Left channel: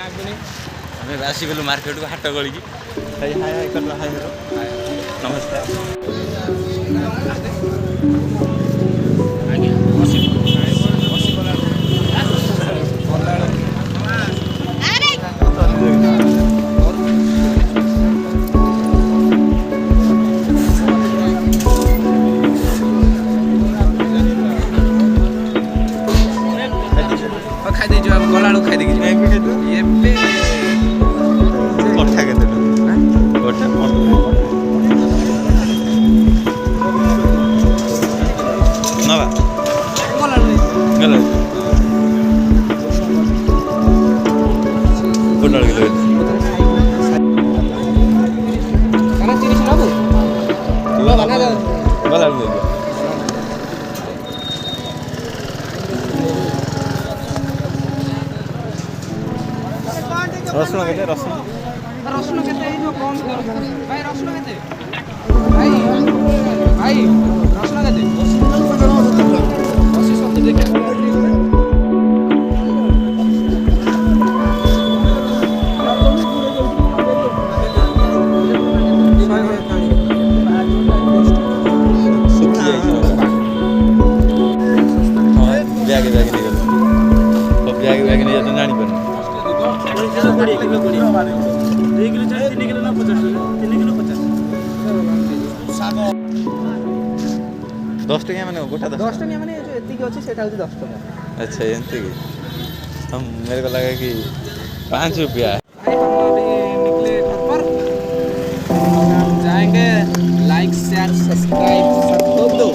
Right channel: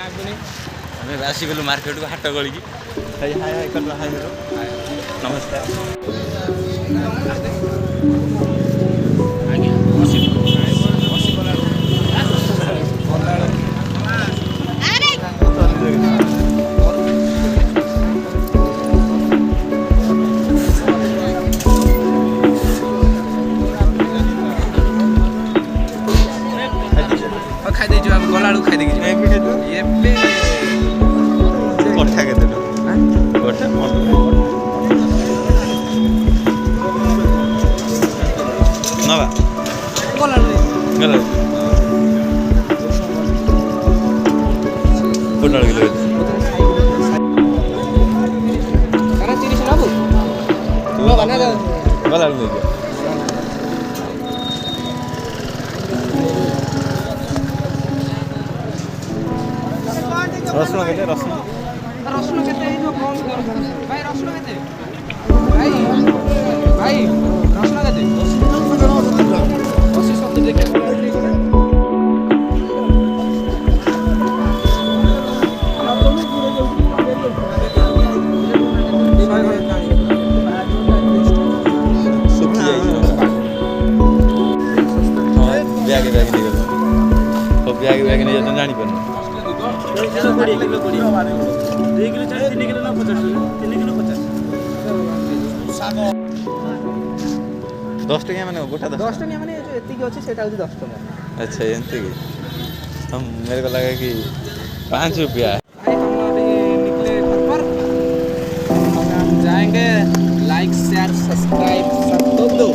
ଆମେ ଆସିଗଲୁ ମାର୍କେଟକୁ ହାଟ ଗଳିକି। ହାଇ ହାଇ ହାଇ କଲ ହାଇ ନମସ୍କାର। ଆଜ୍ଞା ଖାଇଦେଇ ଯିବା ଗଲା ବେଳକୁ ଖାଇଦେଇକି ଯିବା ଏବେ କଠା କେତେ ଟଙ୍କା କଠା ନବା ଗଲା ଗଲା ପୋଟଳ କିଲୋ କାଣା 30 ନବୁ ଗଲା ନେଇଯିବା। ରସୁଣ କେତେ ରସୁଣ କେତେ ହେଇଯିବ କମ ଭାଇ ରସୁଣ କେତେ ଭାଇ ଭାଇ ରସୁଣ କେତେ 80 70 ଦେଖିଆ ଶୁଖି ଯାଇଛି ବ୍ୟାଗ ନେଇଗଲ ବ୍ୟାଗ ନେଇ ଯାଉଛନ୍ତି ଜାଣିପାରୁନି। 10 टकिया मैंने गोटा 10 टकिया माने जो एतिकी अछि सेटा होछि 10 टका। अच्छा एंती की हम मेरे को लगा कि 5 रुपया। भाई हम अभी निकले घर पर अब हम जाएंगे लाइक शेयर सब्सक्राइब सब दो